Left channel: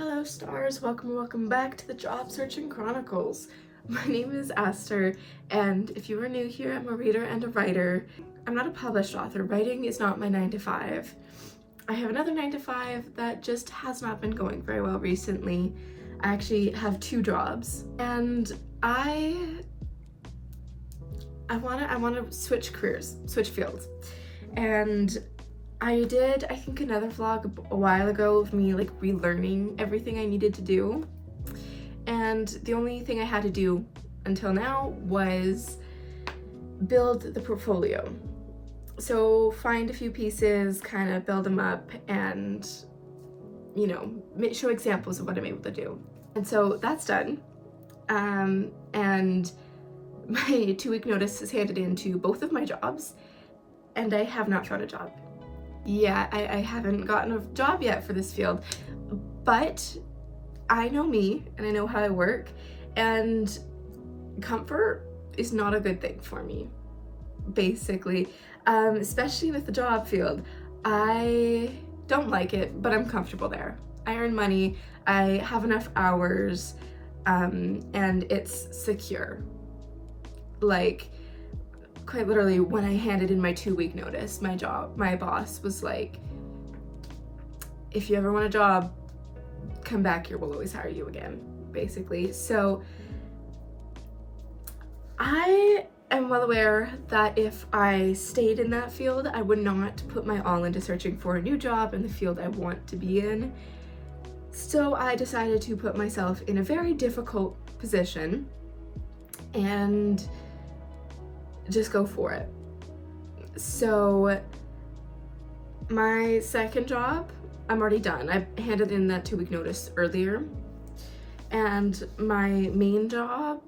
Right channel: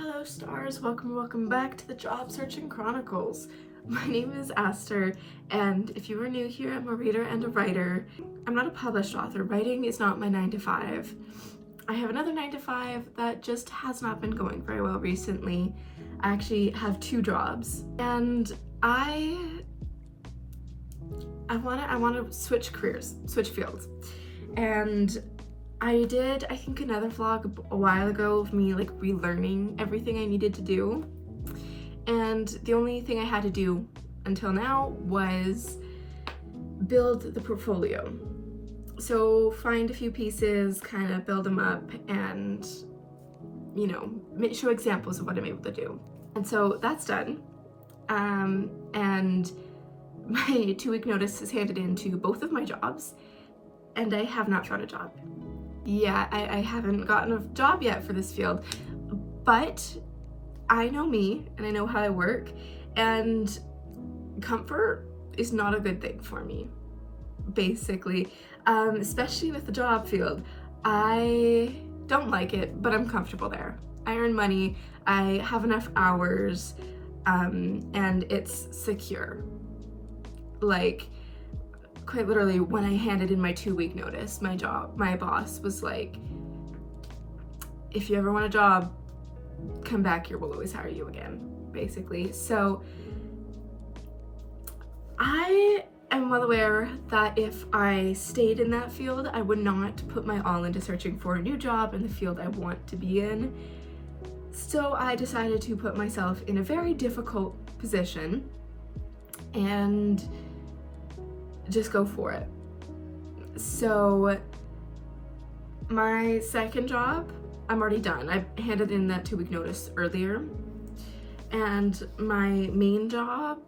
Hello stars, welcome back to the Job Searching Chronicles. My name is Esther, and if you are new here, I'm a reader and a writer. I'm not a published author. Writing is not my 9 to 5. I have another 9 to 5 that just has not been going very well recently. I actually have 2 jobs, and I want to switch careers, switch fields. And I did, I think, another vlog a while ago of me like relearning everything I needed to do. And the only thing I had to do until now was build the portfolio. So find a few pieces, kind of build them up, and, you know, show examples of what I'm able to do. And so that's done. And my 2-week notice is handed in to both of my jobs, and I have not found a job. Yeah, I haven't gotten a job yet for this field, but I know me and I know how I work, and comfort is not a good thing for me, basically, especially with the job field. I don't like it, but I'm comfortable there. I earn money, I have enough hours, and it's secure. Like, quite literally, when I handed in my 2-week notice, my boss was like, if you ever want a job, come back here, we'll always hire you again, basically. So I am well aware that if I stayed in that field, I would not put my all into searching for a new job in the field I want to be in. So I decided to put myself in a very difficult position and just go for it. So my second job, I'm already done. I handed in that 2-week notice earlier. And my main job,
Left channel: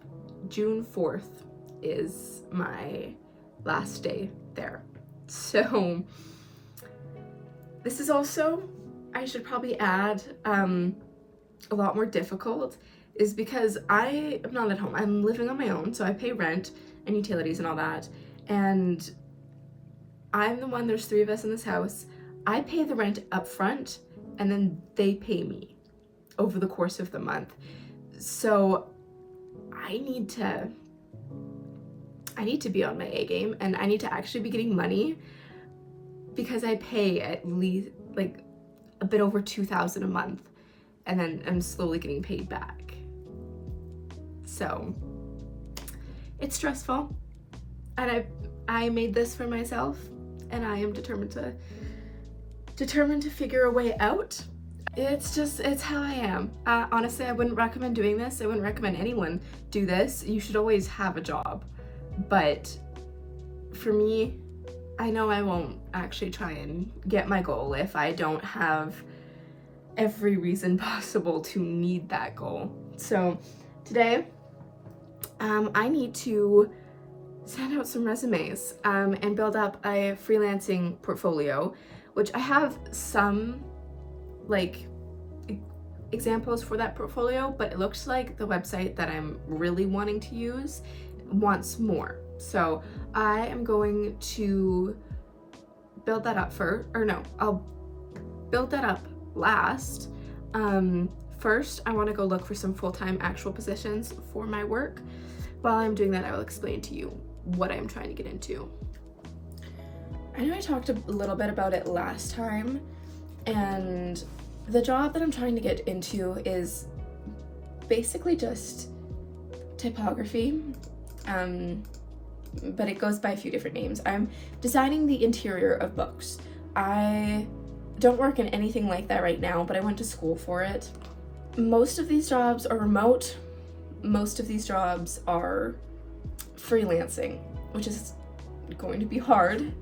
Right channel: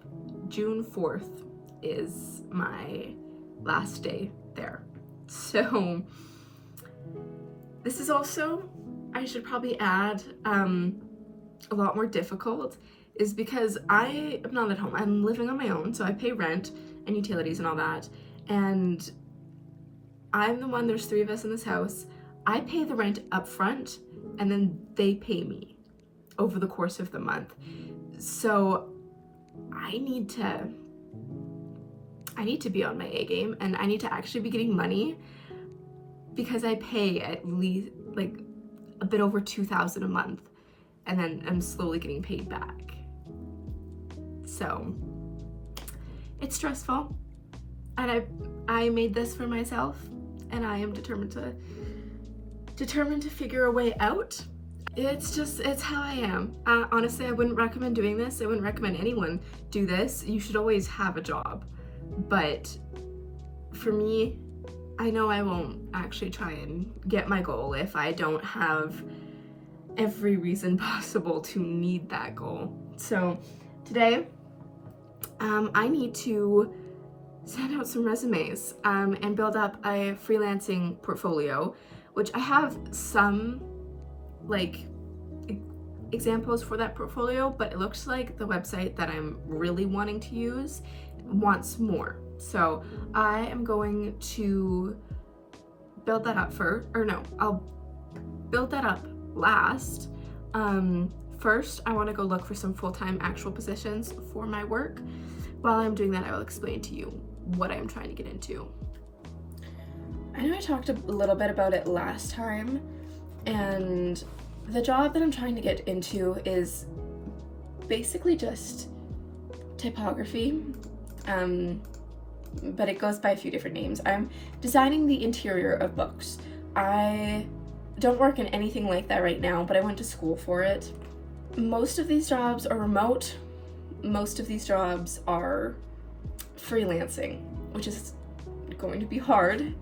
June 4th, is my last day there. So this is also, I should probably add, a lot more difficult, is because I am not at home. I'm living on my own, so I pay rent and utilities and all that, and I'm the one, there's 3 of us in this house. I pay the rent up front, and then they pay me over the course of the month. So I need to be on my A game, and I need to actually be getting money, because I pay at least like a bit over $2,000 a month, and then I'm slowly getting paid back. So it's stressful, and I made this for myself, and I am determined to figure a way out. It's how I am. Honestly, I wouldn't recommend doing this. I wouldn't recommend anyone do this. You should always have a job. But for me, I know I won't actually try and get my goal if I don't have every reason possible to need that goal. So today, I need to send out some resumes and build up a freelancing portfolio, which I have some like examples for that portfolio, but it looks like the website that I'm really wanting to use wants more. So I am going to build that up I'll build that up last. First, I want to go look for some full-time actual positions for my work. While I'm doing that, I will explain to you what I'm trying to get into. I know I talked a little bit about it last time, and the job that I'm trying to get into is basically just typography, but it goes by a few different names. I'm designing the interior of books. I don't work in anything like that right now, but I went to school for it. Most of these jobs are remote. Most of these jobs are freelancing, which is going to be hard,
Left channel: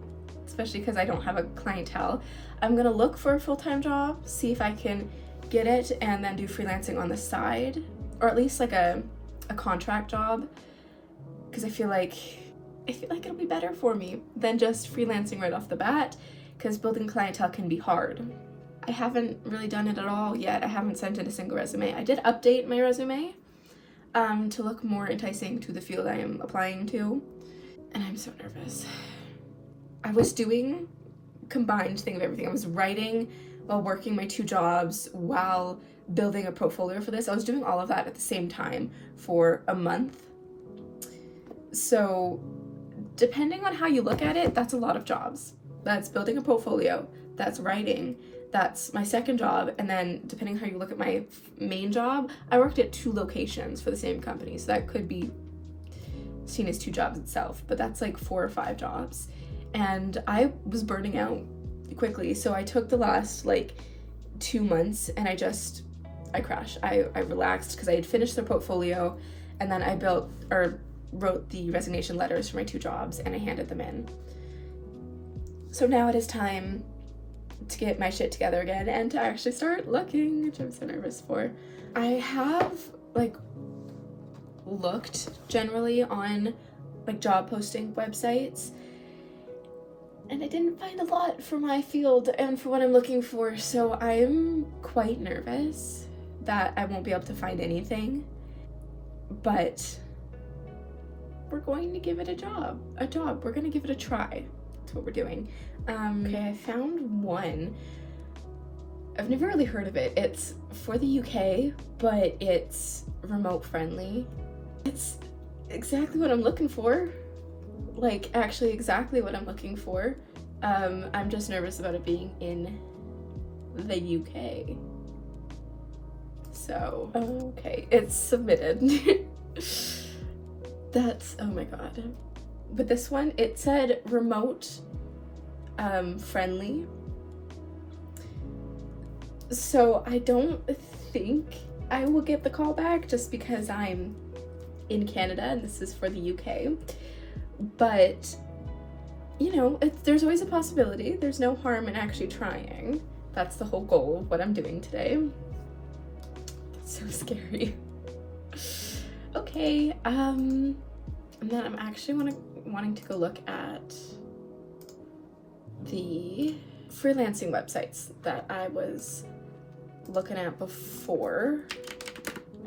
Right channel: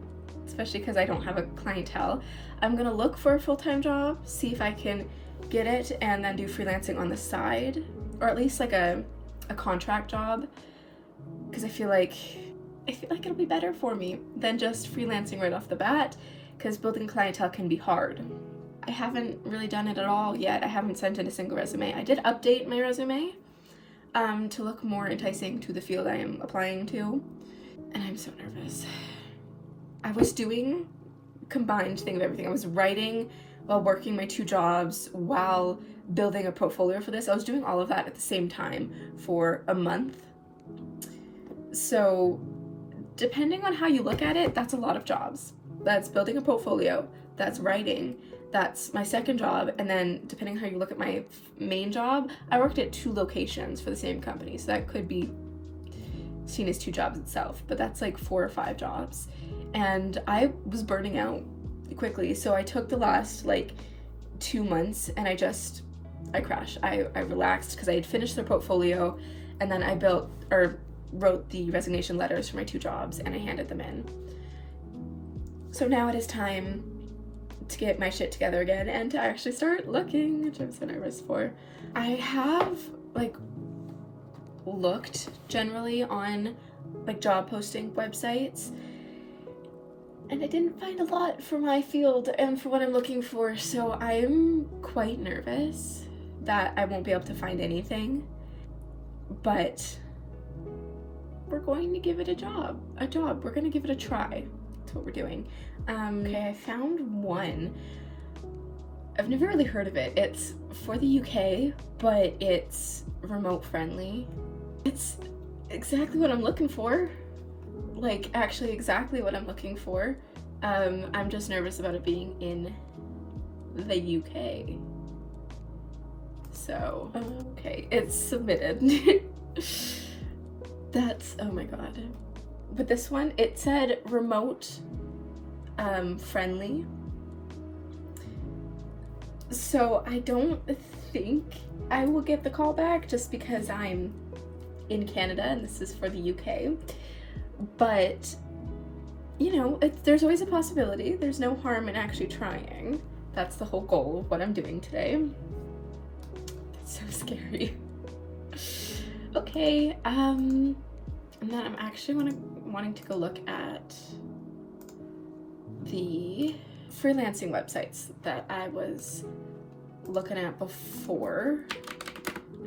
especially because I don't have a clientele. I'm gonna look for a full-time job, see if I can get it, and then do freelancing on the side, or at least like a contract job, because I feel like it'll be better for me than just freelancing right off the bat, because building clientele can be hard. I haven't really done it at all yet. I haven't sent in a single resume. I did update my resume to look more enticing to the field I am applying to, and I'm so nervous. I was doing combined thing of everything. I was writing while working my 2 jobs, while building a portfolio for this. I was doing all of that at the same time for a month. So depending on how you look at it, that's a lot of jobs. That's building a portfolio, that's writing, that's my second job, and then depending on how you look at my main job, I worked at 2 locations for the same company, so that could be seen as 2 jobs itself, but that's like 4 or 5 jobs. And I was burning out quickly, so I took the last like 2 months and I crashed. I relaxed because I had finished the portfolio, and then I wrote the resignation letters for my 2 jobs and I handed them in. So now it is time to get my shit together again and to actually start looking, which I'm so nervous for. I have like looked generally on like job posting websites, and I didn't find a lot for my field and for what I'm looking for, so I'm quite nervous that I won't be able to find anything, but we're going to give it a job. We're gonna give it a try. That's what we're doing. Okay, I found one. I've never really heard of it. It's for the UK, but it's remote friendly. It's exactly what I'm looking for. Like, actually exactly what I'm looking for. I'm just nervous about it being in the UK. So, okay, it's submitted. That's, oh my god. But this one, it said remote friendly. So I don't think I will get the call back just because I'm in Canada and this is for the UK. But, you know, there's always a possibility. There's no harm in actually trying. That's the whole goal of what I'm doing today. That's so scary. Okay, and then I'm actually wanting to go look at the freelancing websites that I was looking at before.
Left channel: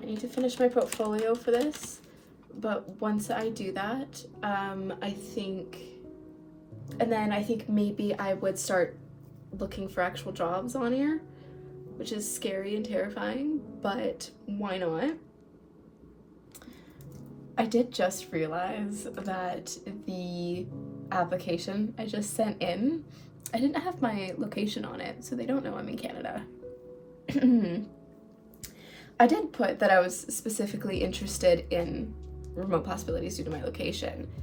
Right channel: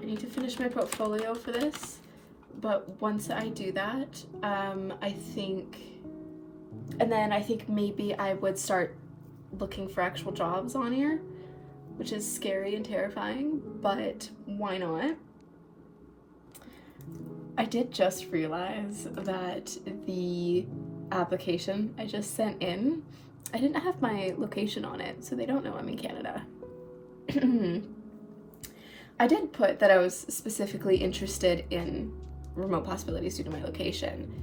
I need to finish my portfolio for this, but once I do that, I think maybe I would start looking for actual jobs on here, which is scary and terrifying, but why not? I did just realize that the application I just sent in, I didn't have my location on it, so they don't know I'm in Canada. I did put that I was specifically interested in remote possibilities due to my location,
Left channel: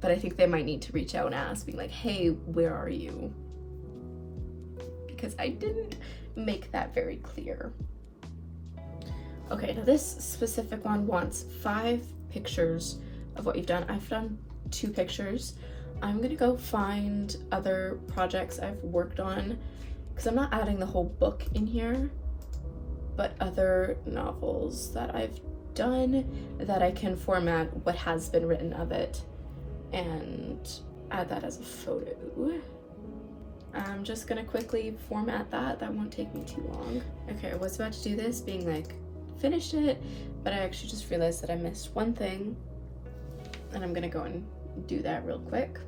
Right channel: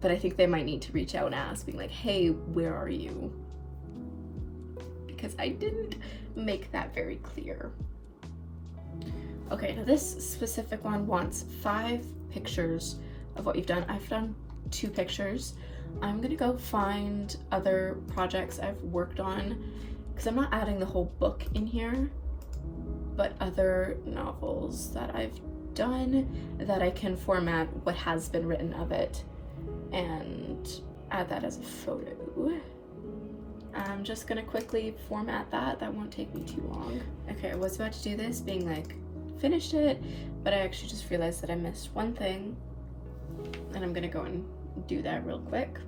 but I think they might need to reach out and ask, being like, hey, where are you? Because I didn't make that very clear. Okay, now this specific one wants 5 pictures of what you've done. I've done 2 pictures. I'm gonna go find other projects I've worked on, because I'm not adding the whole book in here, but other novels that I've done that I can format what has been written of it and add that as a photo. I'm just gonna quickly format that. That won't take me too long. Okay, I was about to do this, being like, finished it, but I actually just realized that I missed one thing, and I'm gonna go and do that real quick.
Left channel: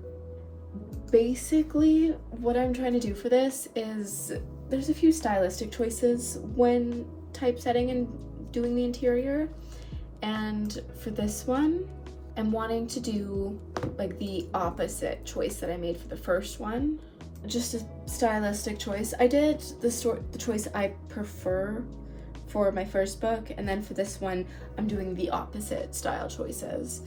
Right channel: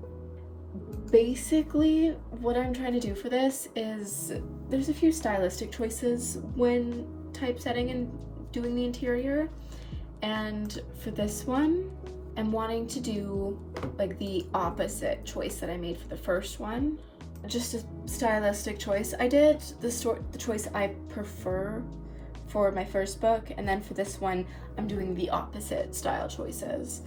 Basically, what I'm trying to do for this is there's a few stylistic choices when typesetting and doing the interior, and for this one, I'm wanting to do like the opposite choice that I made for the first one. Just a stylistic choice. I did the choice I prefer for my first book, and then for this one I'm doing the opposite style choices,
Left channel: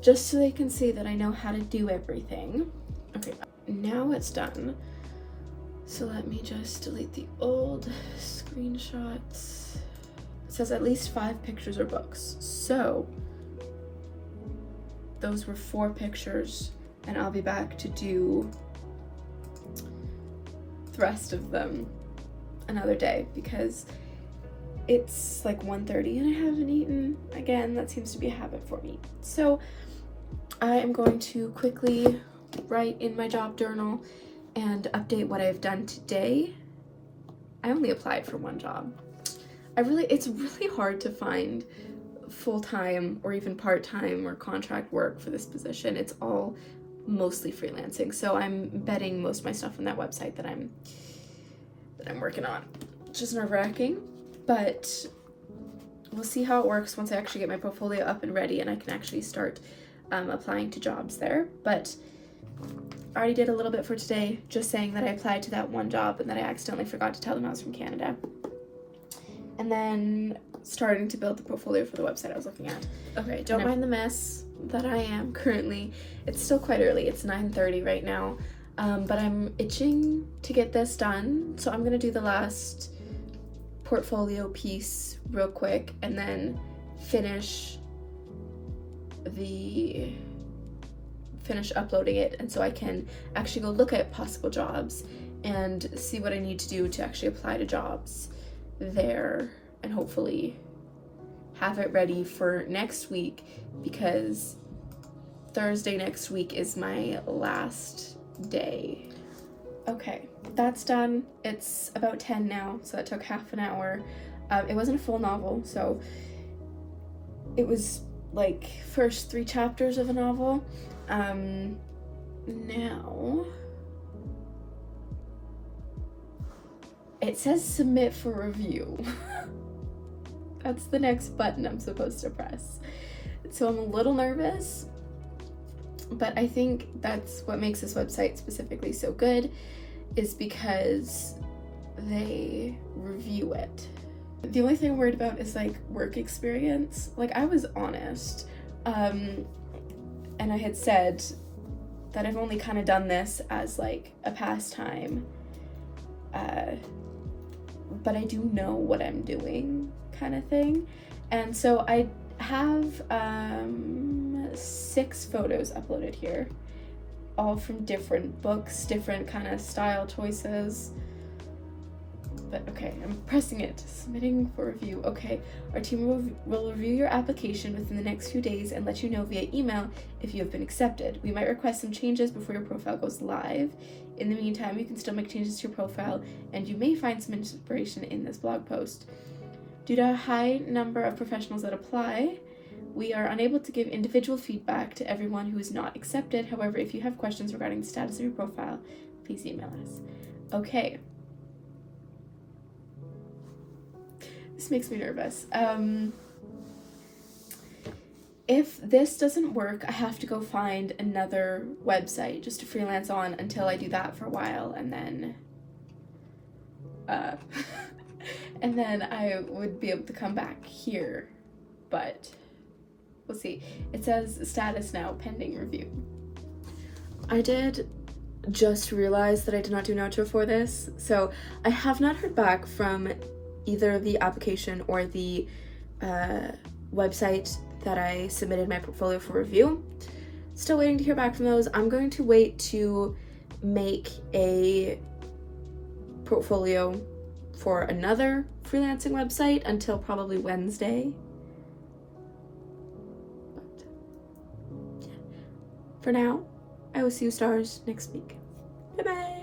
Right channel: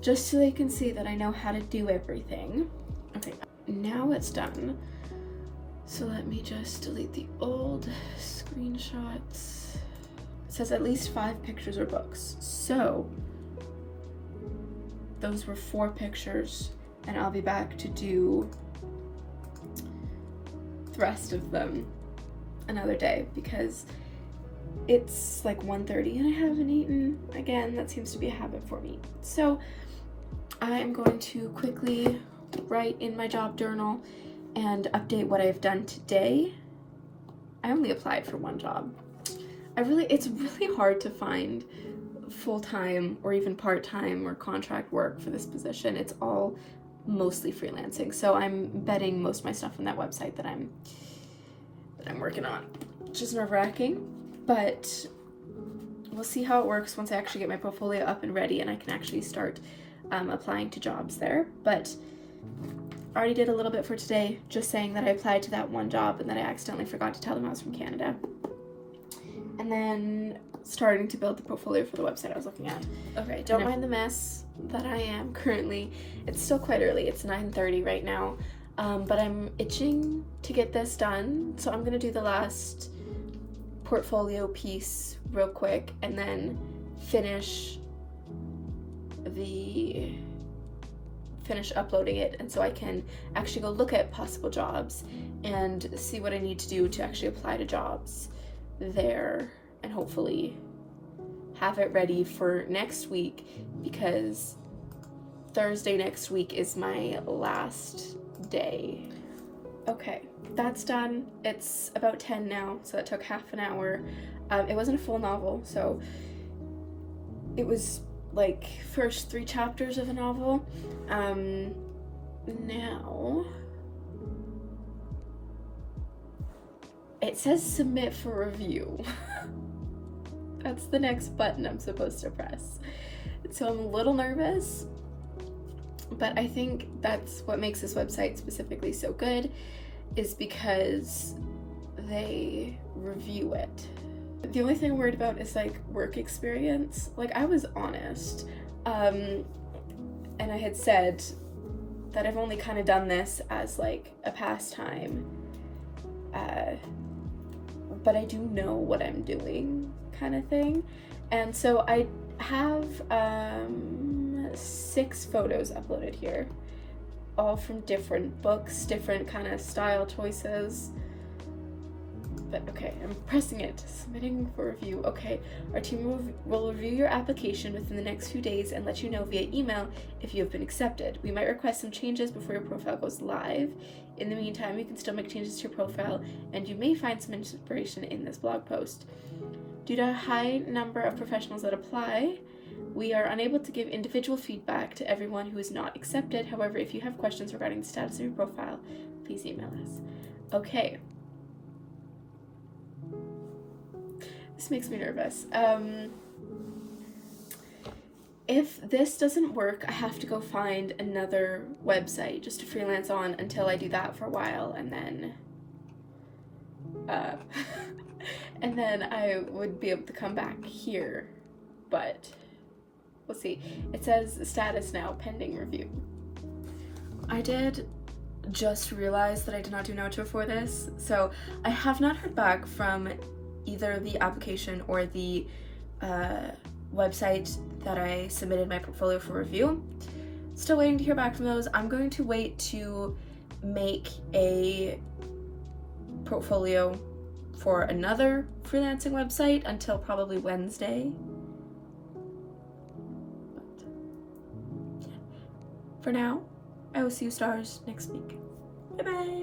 just so they can see that I know how to do everything. Okay, now it's done, so let me just delete the old screenshots. It says at least 5 pictures or books, so those were 4 pictures, and I'll be back to do the rest of them another day, because it's like 1:30 and I haven't eaten. Again, that seems to be a habit for me. So I am going to quickly write in my job journal and update what I've done today. I only applied for 1 job. It's really hard to find full-time or even part-time or contract work for this position. It's all mostly freelancing. So I'm betting most of my stuff on that website that I'm that I'm working on, which is nerve-wracking, but we'll see how it works once I actually get my portfolio up and ready and I can actually start applying to jobs there. But I already did a little bit for today, just saying that I applied to that one job and that I accidentally forgot to tell them I was from Canada. And then starting to build the portfolio for the website I was looking at. Okay, don't mind the mess that I am currently. It's still quite early. It's 9:30 right now, but I'm itching to get this done. So I'm gonna do the last portfolio piece real quick and then finish uploading it, and so I can actually go look at possible jobs and see what I need to do to actually apply to jobs there, and hopefully have it ready for next week, because Thursday next week is my last day. Okay, that's done. It's about 10 now, so that took half an hour. It wasn't a full novel, so it was like first 3 chapters of a novel. Now it says submit for review. That's the next button I'm supposed to press. So I'm a little nervous, but I think that's what makes this website specifically so good, is because they review it. The only thing I'm worried about is like work experience. Like, I was honest, and I had said that I've only kind of done this as like a pastime, but I do know what I'm doing, kind of thing. And so I have 6 photos uploaded here, all from different books, different kind of style choices. But okay, I'm pressing it, submitting for review. Okay, our team will review your application within the next few days and let you know via email if you have been accepted. We might request some changes before your profile goes live. In the meantime, you can still make changes to your profile, and you may find some inspiration in this blog post. Due to a high number of professionals that apply, we are unable to give individual feedback to everyone who is not accepted. However, if you have questions regarding the status of your profile, please email us. Okay. This makes me nervous. If this doesn't work, I have to go find another website just to freelance on until I do that for a while, and then and then I would be able to come back here, but we'll see. It says status now, pending review. I did just realize that I did not do an outro for this, so I have not heard back from either the application or the website that I submitted my portfolio for review. Still waiting to hear back from those. I'm going to wait to make a portfolio for another freelancing website until probably Wednesday. But, yeah. For now, I will see you stars next week. Bye bye!